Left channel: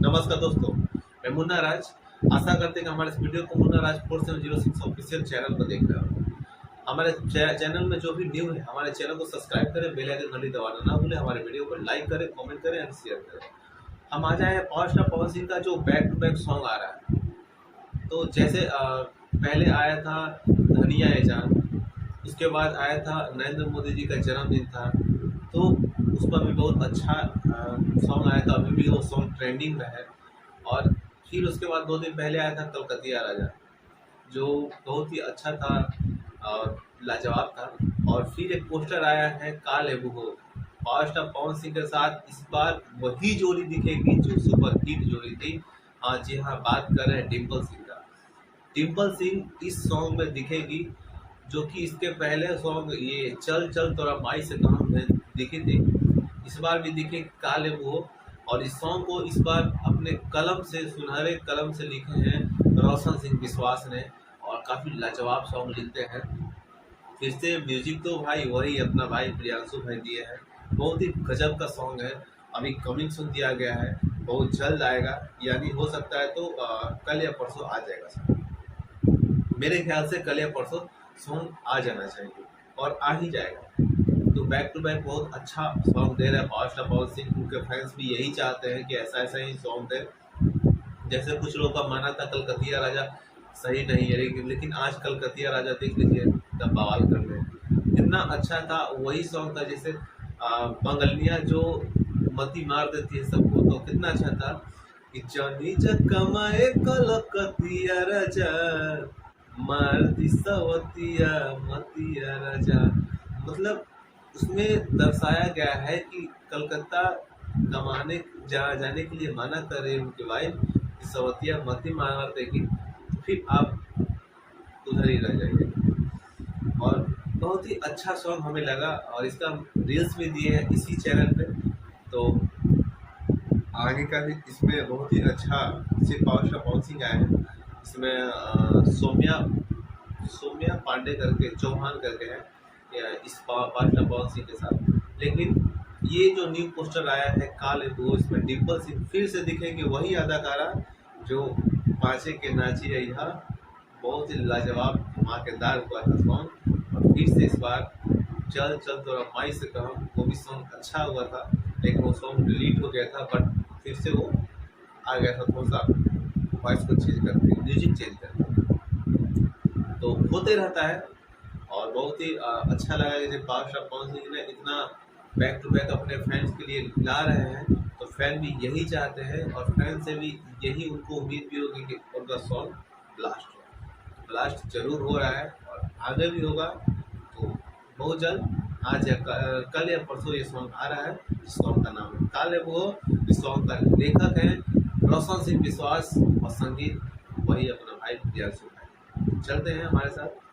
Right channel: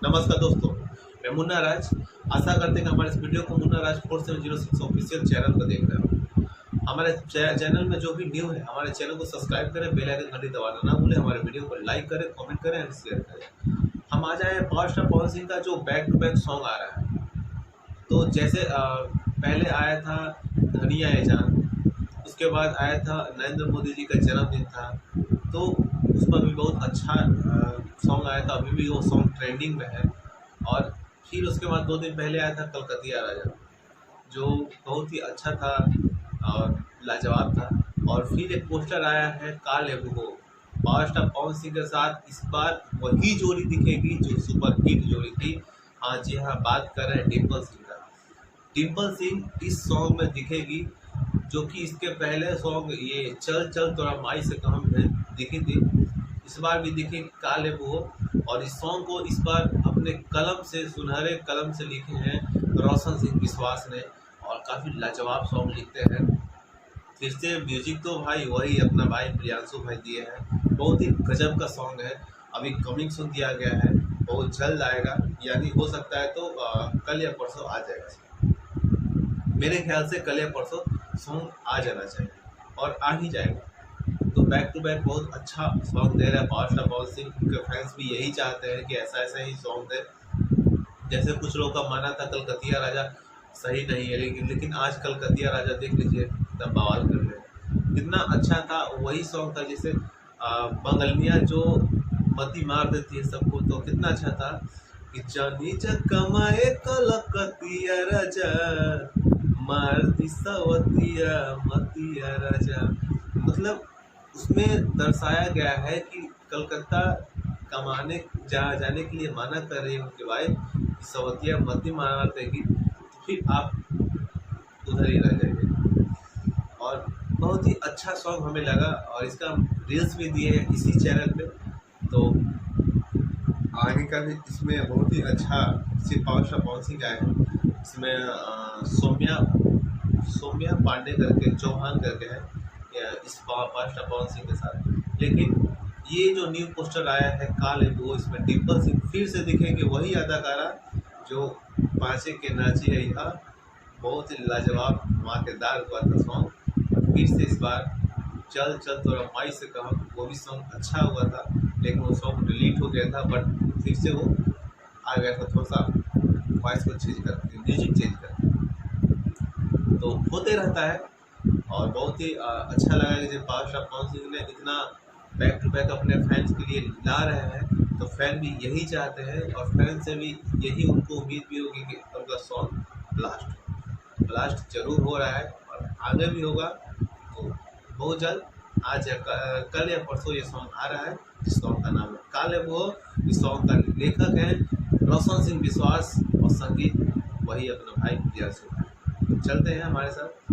नमस्कार दोस्तों, मैं मुन्ना राज। आशा करते हैं कि हमारे इस वीडियो को मुन्ना राज 4706 ऑफिशियल चैनल पर देख रहे हो। हमारे चैनल में जो भी न्यू है हमारे चैनल को सब्सक्राइब करें, बेल आइकन घंटी दबाना ना भूलें, हमारे वीडियो को लाइक करें, कमेंट करें एंड शेयर करें। हम आ जाए पावर स्टार पवन सिंह का जो बैक टू बैक सॉन्ग आ रहा है। तो जैसे पहले आया था धनिया ए जान, उसके बाद आया था नरेंद्र मोदी जी का जन्मदिन था, तो उस पर भी बहुत अच्छा सॉन्ग आया था। अभी भी वो सॉन्ग ट्रेंडिंग में है। और फिर उसके बाद 2 दिन पहले आया था कलकतिया राजा, जो बहुत ही अच्छा था और लाजवाब था। और फिर एक पोस्टर आया है काल एबुगो, पावर स्टार पवन सिंह के साथ। इस बार वही जोड़ी दिखेगी जो सुपर हिट जोड़ी थी। हाँ जी हाँ, बात कर रहे हैं डिम्पल सिंह का। डिम्पल सिंह इस सॉन्ग में दिखेगी, जो कि इसके पहले सॉन्ग ये चल चल तोरा माई से कहम में दिखी थी। इस बार भी दिखे काले वो। और इस सॉन्ग को इस बार अपने कलम से, सुनहरे कलम से लिखे हैं रोशन सिंह विश्वास ने, और काफ़ी लाजवाब सॉन्ग लिखते हैं। फिर से म्यूजिक तो भाई वही अपना भाई प्रियांशु भाई दिए हैं। बहुत ही गजब का सॉन्ग है। अभी कमिंग सुन दिया गया है, बहुत जल्द आएगा, यानी हो सकता है तो कल या परसों आ जाएगा। मेरे ख्याल से कल या परसों सॉन्ग आ जाना चाहिए और आ ही जाएगा। तो बैक टू बैक बहुत अच्छा सॉन्ग दे रहा है पावर स्टार पवन सिंह। उनके फैंस भी यही चाहते हैं कि ऐसा ऐसा ही सॉन्ग दे। जैसे कुछ लोगों का माना था कलकतिया राजा सही नहीं है, लेकिन आज कलकतिया राजा देख लीजिए, तब बवाल कर रहे हैं। इतना अच्छा था, वही सॉन्ग था जैसे बंगलिया जो मती मार देती है सबको, तो कितना अच्छा था कि जानी कमाए कलकतिया राजा मार दी सवतिया मतिया राजा। मतलब उसमें दर्शाया गया है कि कलकत्ता कमाने जाने के लिए मना कर रही है उनके वाइफ, सवतिया मती मार देगी तो फिर आप उधर ही रह जाइए। और बहुत ही अच्छा सॉन्ग हमें लगा, और इसका रील्स भी दिए हैं इसी चैनल पे। तो आगे का भी इसमें बहुत ही अच्छा सिर्फ पावर स्टार पवन सिंह आए हैं। इसमें सौम्या पांडे करके, चौहान करके है इस पावर स्टार पवन सिंह के साथ। लेकिन ये जो न्यू पोस्टर आया है काल वो, इसमें डिम्पल सिंह फिर से दिखेंगे, वही अदाकारा जो पाँचे के नाची रही था। बहुत ही लाजवाब धमाकेदार हुआ था सॉन्ग। और फिर से इस बार चल चल तोरा माई से कहम, वो भी सॉन्ग अच्छा हुआ था, लेकिन वो सॉन्ग डिलीट हो गया था। बट फिर से वो आ गया था, थोड़ा सा वॉइस को चेंज करके, म्यूजिक चेंज करके, तो होते रहता है। और बहुत ही अच्छा लगा कि जब पावर स्टार पवन सिंह ने इतना बैक टू बैक अपने फैंस के लिए ला रहे हैं, तो फैन भी यही चाहते हैं। और फैन से भी यही उनको उम्मीद भी होगी कि उनका सॉन्ग ब्लास्ट जरूर हो रहा है और आगे भी होगा। तो बहुत जल्द आज या कल या परसों ये सॉन्ग आ रहा है, जिस सॉन्ग का नाम है काले वो। इस सॉन्ग का लेखक है रोशन सिंह विश्वास और संगीत वही अपना भाई प्रियांशु है। चलते हैं हमारे साथ।